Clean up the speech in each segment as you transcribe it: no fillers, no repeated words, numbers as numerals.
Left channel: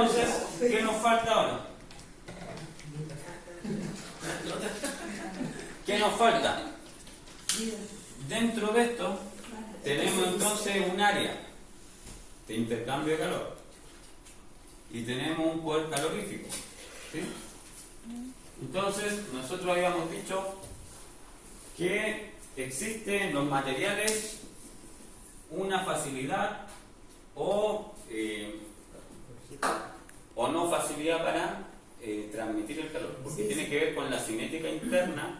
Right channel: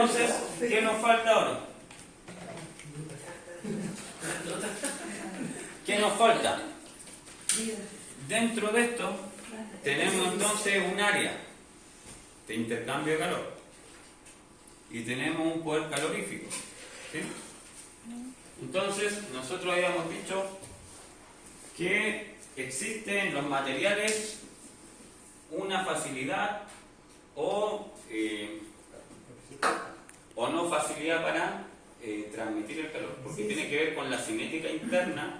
Entonces, ¿qué nos falta ahora? ¿Qué nos falta? Dentro de esto tenemos entonces un área de intercambio de calor y tenemos un poder calorífico, ¿sí? Entonces nosotros habíamos dicho que existe en los materiales una facilidad o no facilidad para transmitir el calor, porque tiene que ver con la cinética interna,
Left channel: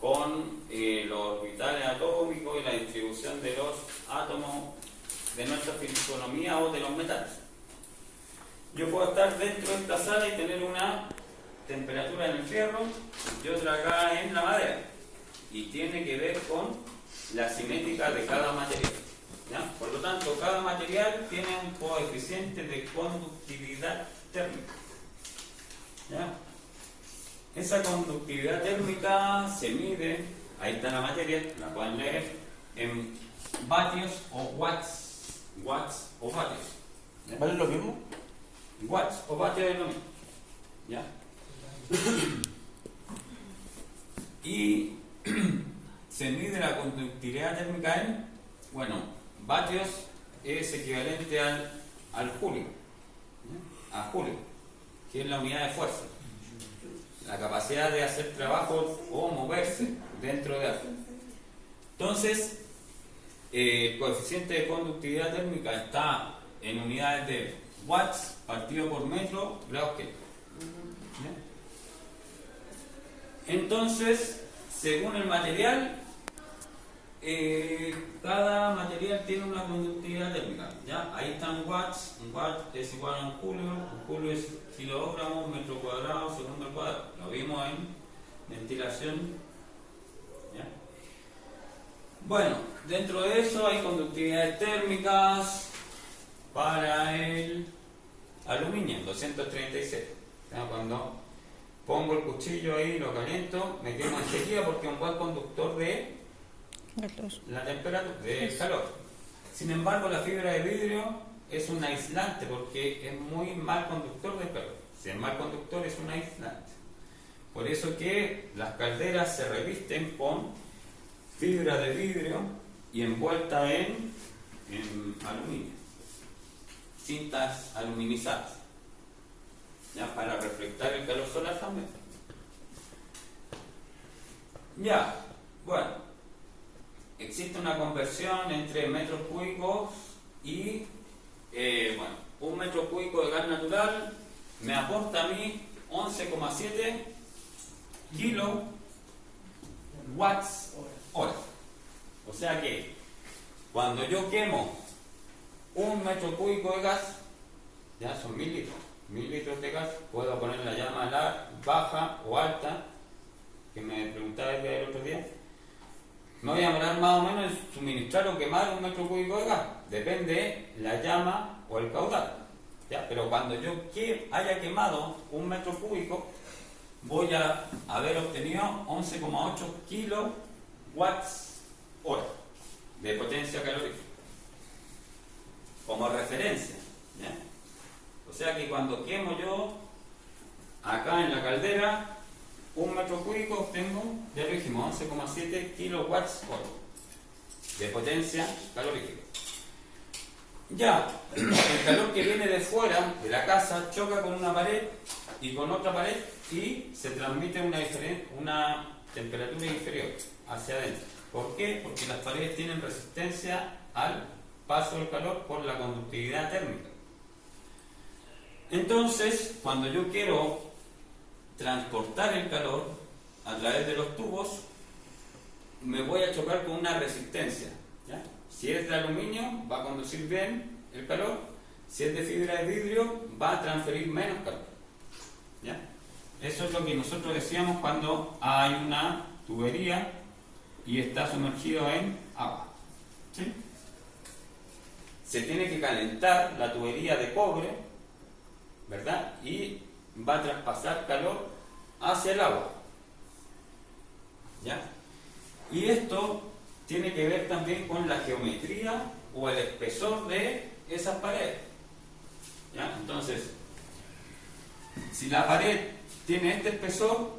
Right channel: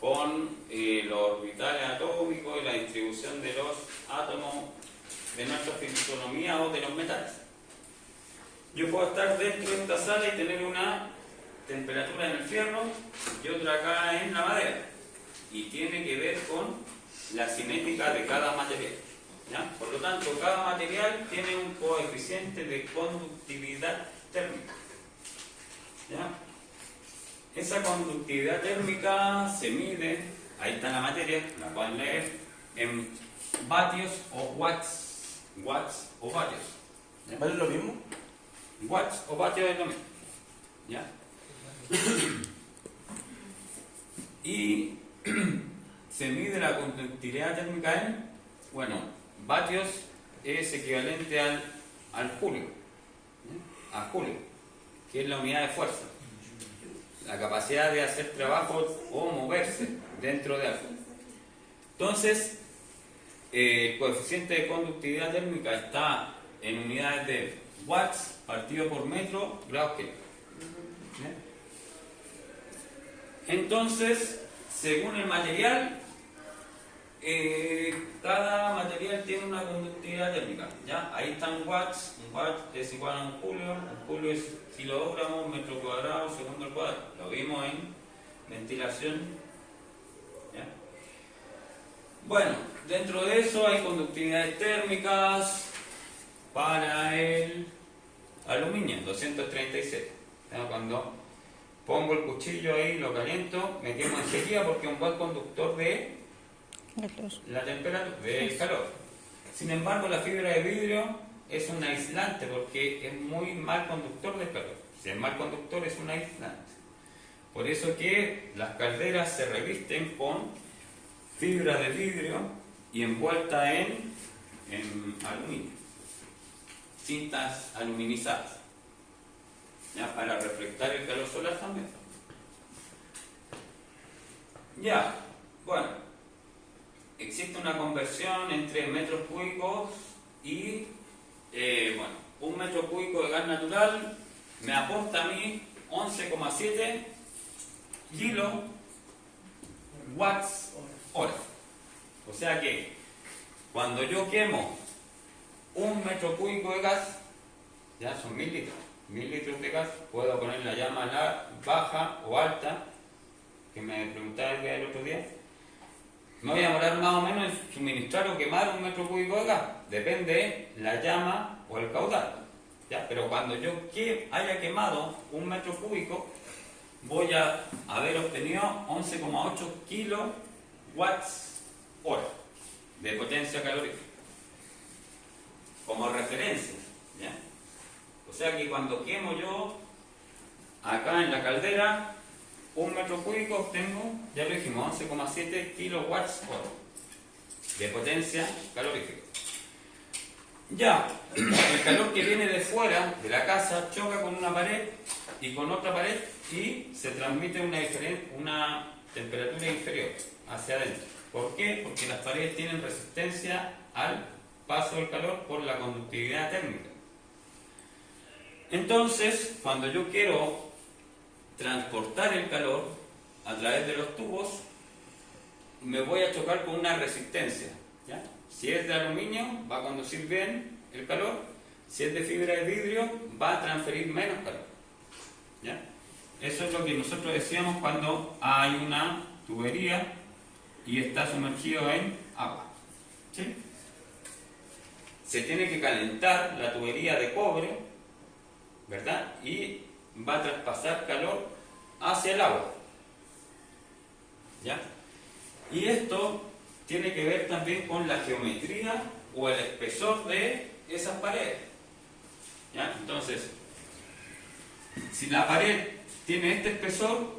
con los orbitales atómicos y la distribución de los átomos de nuestra fisonomía o de los metales. Yo puedo estar dentro de esta sala y tener una temperatura en el fierro y otra acá en la madera, y tiene que ver con la cinética de cada material, ¿ya? Por lo tanto, cada material tiene un coeficiente de conductividad térmica, ¿ya? Esa conductividad térmica se mide, ahí está la materia, la pueden leer, en vatios o watts. Watts o vatios. ¿Vale lo mismo? Watts o vatios es lo mismo, ¿ya? Y se mide la conductividad térmica en, bueno, vatios es equivalente al Joule, ¿ya? A Joule, que es la unidad de fuerza, la capacidad de hacer trabajos o moverse dentro de algo. Entonces, el coeficiente de conductividad térmica está en unidades de watts partido por metro grados Kelvin. Entonces, según el material, cada material tiene una conductividad térmica, ¿ya? Ahí están watts, un watt es igual a un julio es kilogramos, metro cuadrado, segundo al cuadrado. Lo vimos en ventilación, ¿ya? Bueno, dentro de eso hay conductividades térmicas para el aluminio, 236. ¿Ya? Cuando pongo el cuchillo ahí, lo caliento, me quedo en sequía porque es un buen conductor de la temperatura, del calor. Sin embargo, la fibra de vidrio es un aislante porque es muy mal conductor del calor. Si es mal conductor, es un aislante. Por eso que las calderas se revisten con fibra de vidrio y envuelta en aluminio, cintas aluminizadas, ya, para reflectar el calor solar también. Ya, bueno, existe una conversión entre metros cúbicos y, bueno, un metro cúbico de gas natural me aporta a mí 11,7 kilowatts hora. O sea que cuando yo quemo un metro cúbico de gas, ya son 1000 litros. 1000 litros de gas, puedo poner la llama baja o alta, que me preguntaba el otro día. Me voy a demorar más o menos en suministrar o quemar un metro cúbico de gas. Depende la llama o el caudal, ¿ya? Pero cuando yo haya quemado un metro cúbico, voy a haber obtenido 11,8 kilowatts hora de potencia calorífica como referencia, ¿ya? O sea que cuando quemo yo acá en la caldera un metro cúbico, obtengo, ya lo dijimos, 11,7 kilowatts hora de potencia calorífica. Ya, el calor que viene de fuera de la casa choca con una pared y con otra pared y se transmite una temperatura inferior hacia adentro. ¿Por qué? Porque las paredes tienen resistencia al paso del calor por la conductividad térmica. Entonces, cuando yo quiero transportar el calor a través de los tubos, me voy a chocar con una resistencia, ¿ya? Si es de aluminio, va a conducir bien el calor. Si es de fibra de vidrio, va a transferir menos calor, ¿ya? Eso es lo que nosotros decíamos cuando hay una tubería y está sumergido en agua, ¿sí? Se tiene que calentar la tubería de cobre, ¿verdad? Y va a traspasar calor hacia el agua, ¿ya? Y esto tiene que ver también con la geometría o el espesor de esas paredes, ¿ya? Entonces, Si la pared tiene este espesor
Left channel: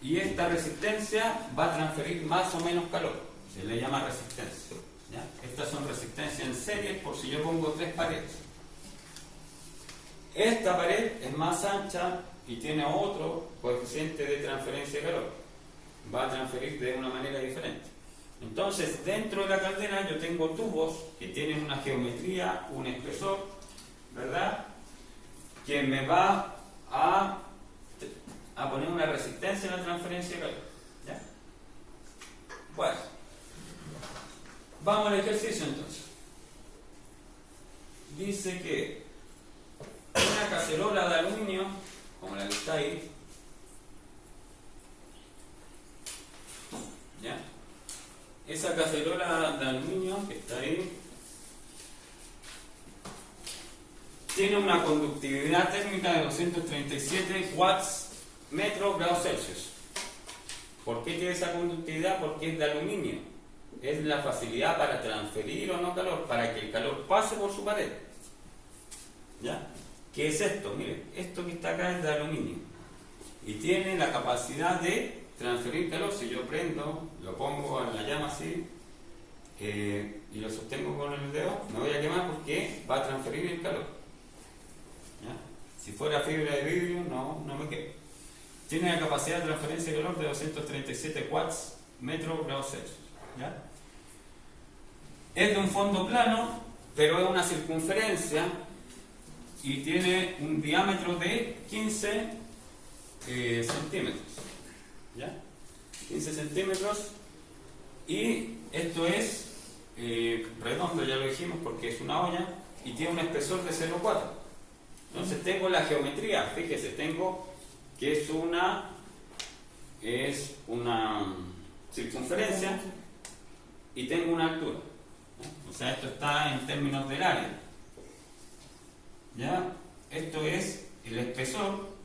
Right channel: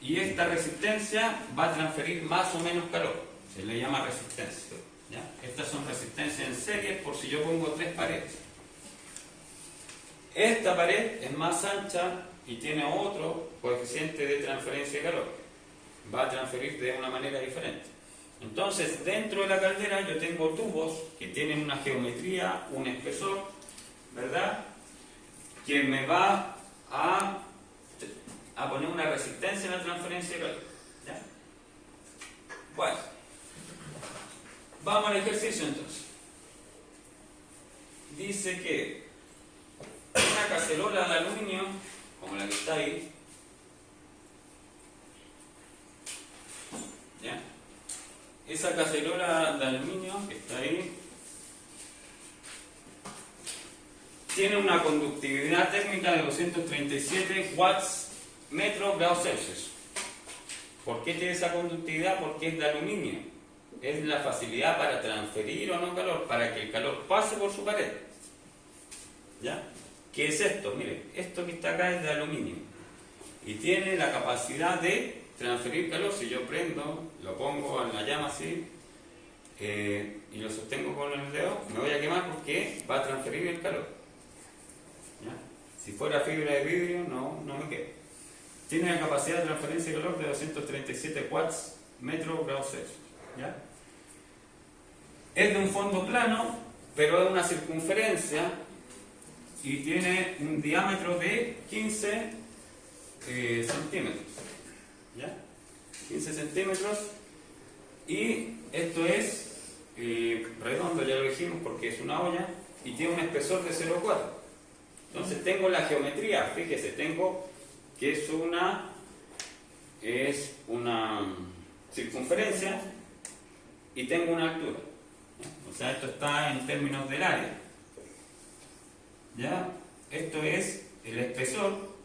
y esta resistencia, va a transferir más o menos calor. Se le llama resistencia. ¿Ya? Estas son resistencias en serie por si yo pongo 3 paredes. Esta pared es más ancha y tiene otro coeficiente de transferencia de calor. Va a transferir de una manera diferente. Entonces, dentro de la caldera yo tengo tubos que tienen una geometría, un espesor, ¿verdad? Que me va a poner una resistencia en la transferencia de calor. ¿Ya? Bueno, vamos al ejercicio entonces. Dice que una cacerola de aluminio, como la que está ahí, ¿ya? Esa cacerola de aluminio que está ahí tiene una conductividad térmica de 237 watts metro grados Celsius. ¿Por qué tiene esa conductividad? Porque es de aluminio. Es la facilidad para transferir o no calor, para que el calor pase por su pared. ¿Ya? ¿Qué es esto? Miren, esto que está acá es de aluminio y tiene la capacidad de transferir calor. Si yo prendo, lo pongo en la llama así y lo sostengo con el dedo, me voy a quemar porque va a transferir el calor. ¿Ya? Si fuera fibra de vidrio, no me quemo. Tiene la capacidad de transferencia de calor de 237 watts metro grados Celsius. ¿Ya? Es de un fondo plano, pero es una circunferencia y tiene un diámetro de 15 centímetros. ¿Ya? 15 centímetros, y esto es redondo, ya lo dijimos, porque es una olla y tiene un espesor de 0,4. Entonces tengo la geometría, fíjese, tengo que es una circunferencia y tengo una altura. O sea, esto está en términos del área. ¿Ya? Esto es el espesor.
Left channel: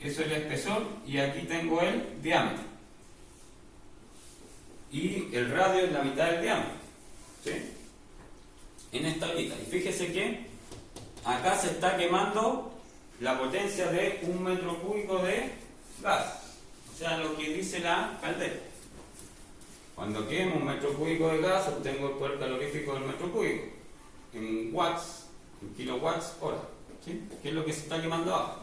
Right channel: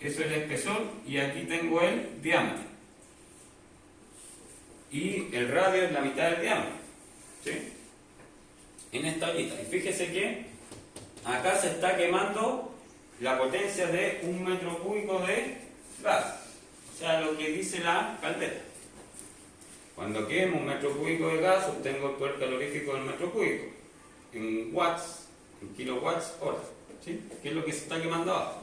Eso es el espesor y aquí tengo el diámetro. Y el radio es la mitad del diámetro. ¿Sí? En esta ollita. Y fíjese que acá se está quemando la potencia de 1 metro cúbico de gas. O sea, lo que dice la caldera. Cuando quemo 1 metro cúbico de gas, obtengo el poder calorífico del metro cúbico. En watts, en kilowatts hora. ¿Sí? ¿Qué es lo que se está quemando ahora?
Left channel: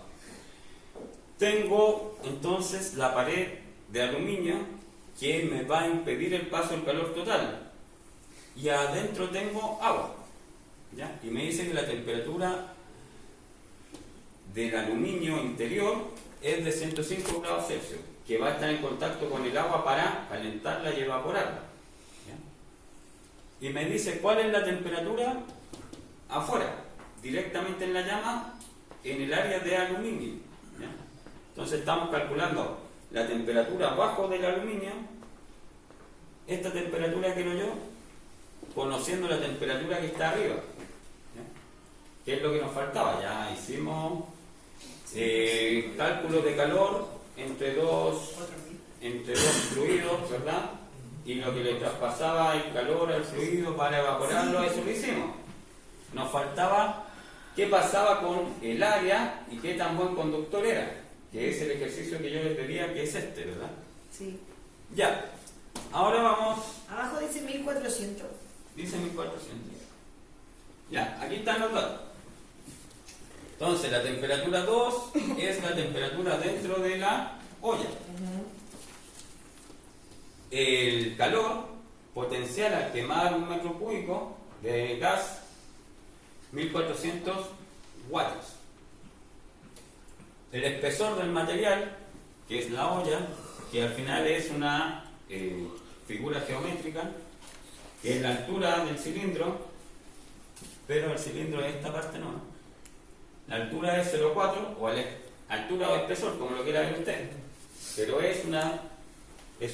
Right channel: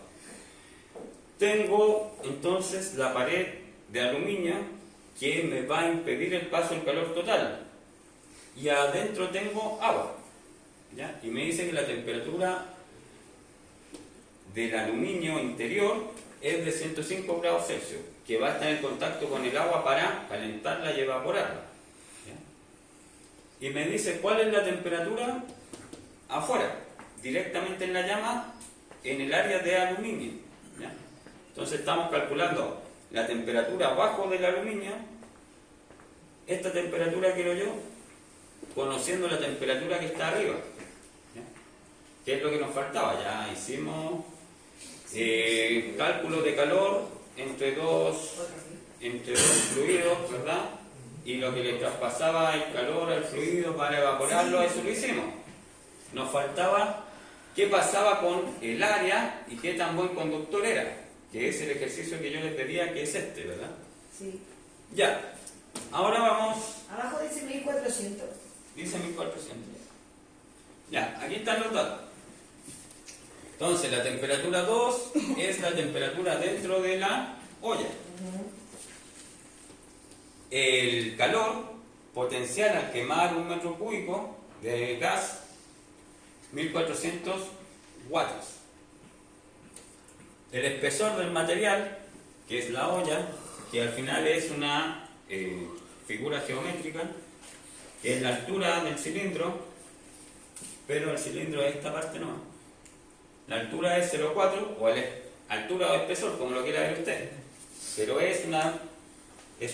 Tengo entonces la pared de aluminio que me va a impedir el paso del calor total. Y adentro tengo agua. ¿Ya? Y me dice que la temperatura del aluminio interior es de 105 grados Celsius, que va a estar en contacto con el agua para calentarla y evaporarla. ¿Ya? Y me dice cuál es la temperatura afuera, directamente en la llama, en el área de aluminio. ¿Ya? Entonces estamos calculando la temperatura abajo del aluminio. Esta temperatura quiero yo, conociendo la temperatura que está arriba. ¿Ya? ¿Qué es lo que nos faltaba? Ya hicimos cálculos de calor entre dos fluidos, ¿verdad? Y lo que le traspasaba el calor al fluido para evaporarlo, eso lo hicimos. Nos faltaba qué pasaba con el área y qué tan buen conductor era, que es el ejercicio que yo les pedía, que es este, ¿verdad? Sí. Ya, ahora vamos. Abajo dice 1400. Dice 1400. Ya, aquí están los datos. Entonces, la temperatura 2 es la temperatura dentro de la olla. El calor potencial al quemar 1 metro cúbico de gas, 1400 watts. El espesor del material, que es la olla, que al final es una figura geométrica, que es la altura del cilindro, pero el cilindro de esta parte no. La altura es 0,4, o altura o espesor, como lo quiera ver usted, pero es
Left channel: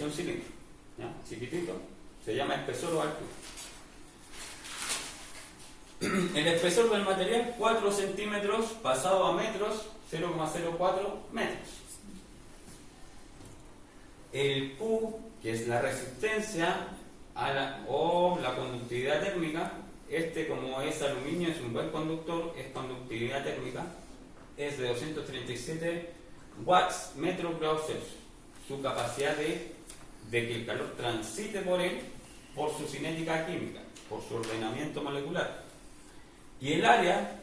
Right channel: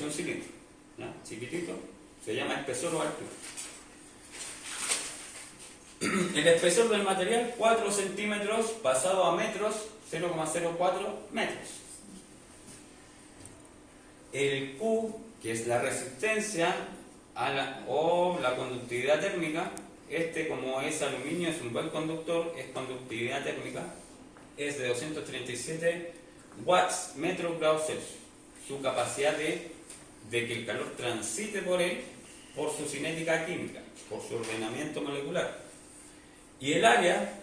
un cilindro, ¿ya? Chiquitito, se llama espesor o altura. El espesor del material, 4 centímetros pasado a metros, 0,04 metros. El Q, que es la resistencia o la conductividad térmica, como es aluminio, es un buen conductor, es conductividad térmica, es de 237 watts metros grados Celsius. Su capacidad de que el calor transite por él por su cinética química, por su ordenamiento molecular. Y el área,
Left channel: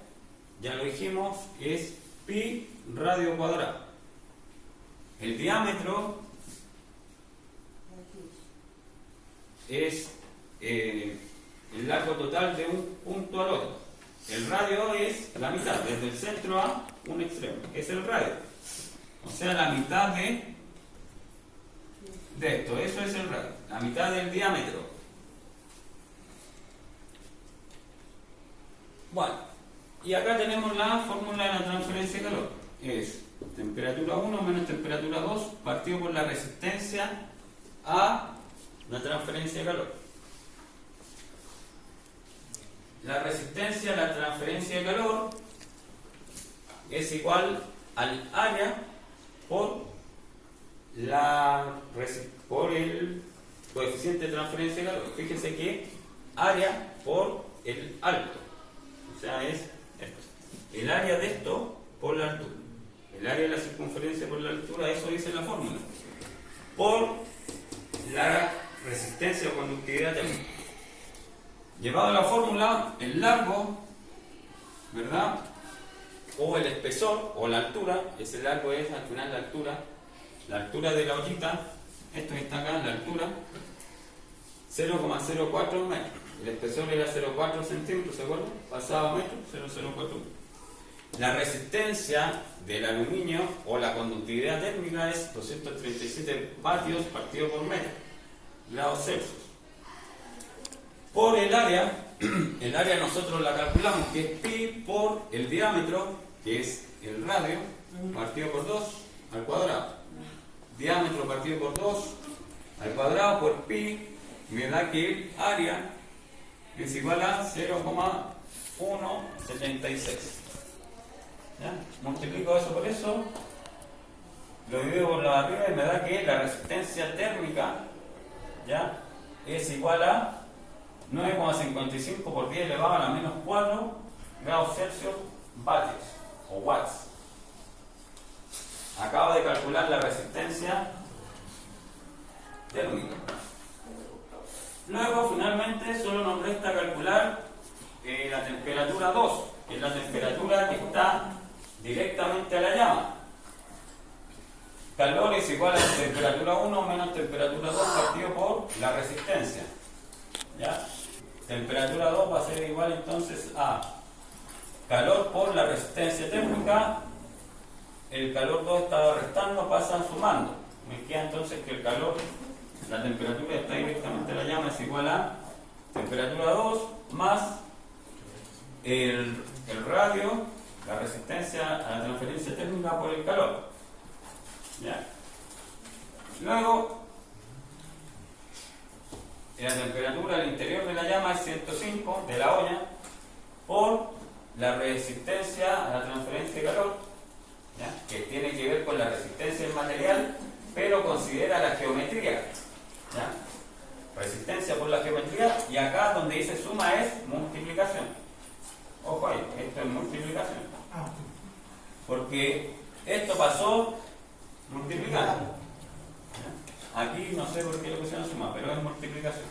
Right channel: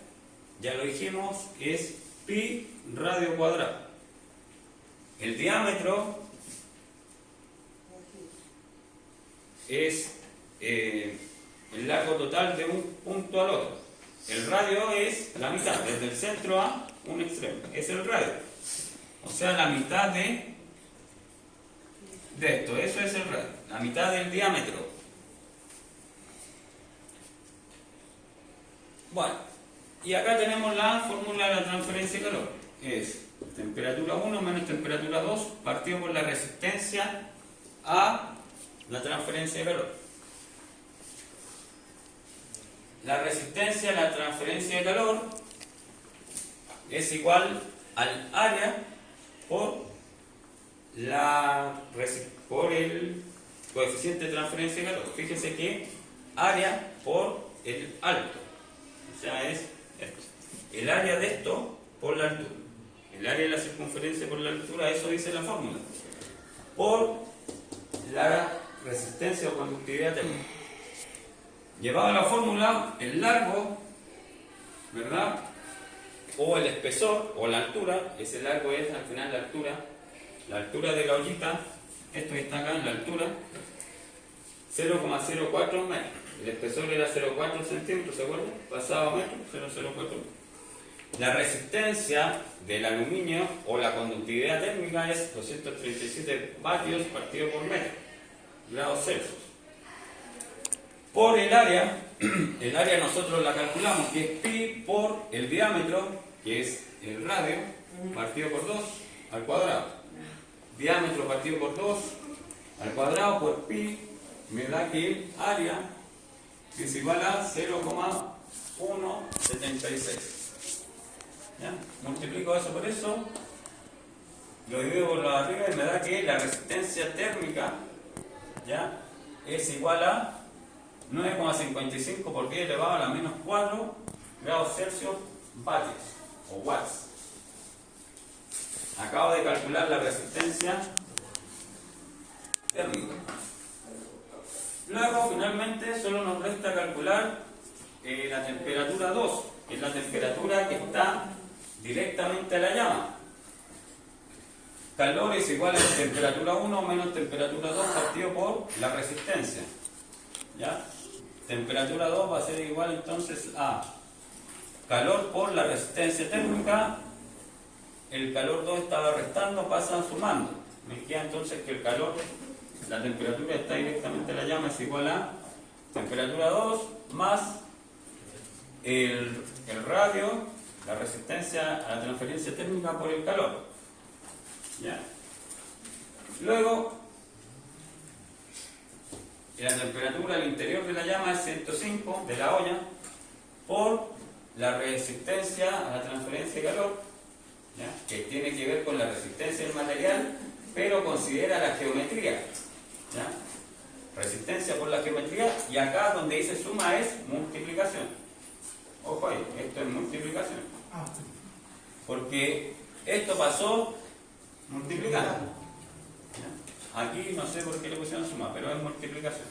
ya lo dijimos, es pi radio cuadrado. El diámetro es el largo total de un punto al otro. El radio es la mitad, desde el centro a un extremo. Es el radio. O sea, la mitad de esto. Eso es el radio. La mitad del diámetro. Bueno, y acá tenemos la fórmula de la transferencia de calor. Es temperatura 1 menos temperatura 2 partido por la resistencia a la transferencia de calor. La resistencia a la transferencia de calor es igual al área por el coeficiente de transferencia de calor. Fíjense que área por el alto. O sea, es esto. El área de esto por la altura. El área de la circunferencia por la altura, eso dice la fórmula. Por la resistencia o conductividad térmica. Llevado a la fórmula, el largo, ¿verdad? O el espesor, o la altura, ese largo es al final la altura de la ollita, esto está acá en la altura, 0,04 metros. El espesor era 0,4 centímetros, ¿se acuerdan? Pasado a metro, 0,04 metros. La resistencia del aluminio o la conductividad térmica es 237 vatios partido por metro, grados Celsius. Por el área nosotros la calculamos, que es pi por el diámetro, que es el radio, partido por 2 al cuadrado. Diámetro partido por 2 al cuadrado por pi me da que el área es igual a 0,176. ¿Ya? Multiplico eso por eso, lo divido por la de arriba y me da que la resistencia térmica, ¿ya?, es igual a 9,55 por 10 elevado a la menos 4 grados Celsius vatios o watts. Acabo de calcular la resistencia térmica. Luego, finalmente, solo nos resta calcular la temperatura 2, que es la temperatura que está directamente a la llama. Calor es igual a temperatura 1 menos temperatura 2 partido por la resistencia. ¿Ya? Temperatura 2 va a ser igual entonces a calor por la resistencia térmica. El calor 2 estaba restando, pasan sumando. Me queda entonces que el calor, la temperatura está directamente a la llama, es igual a temperatura 2 más el radio, la resistencia a la transferencia térmica por el calor. ¿Ya? Luego, la temperatura al interior de la llama es 105 de la olla por la resistencia a la transferencia de calor, ¿ya?, que tiene que ver con la resistencia del material, pero considera la geometría. ¿Ya? Resistencia por la geometría, y acá donde dice suma es multiplicación. Ojo ahí, esto es multiplicación. Porque esto pasó multiplicando. ¿Ya? Aquí no sé por qué le pusieron suma, pero es multiplicación.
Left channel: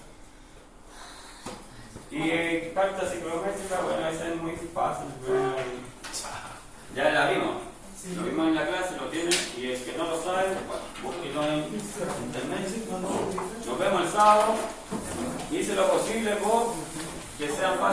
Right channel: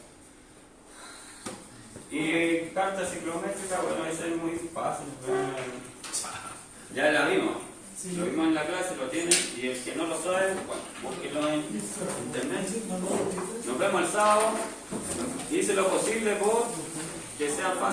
Y carta ciclométrica, bueno, esa es muy fácil. Ya la vimos. Lo vimos en la clase, lo tienen, y el que no lo sabe, bueno, búsquenlo en internet. Nos vemos el sábado. Hice lo posible por que sea fácil.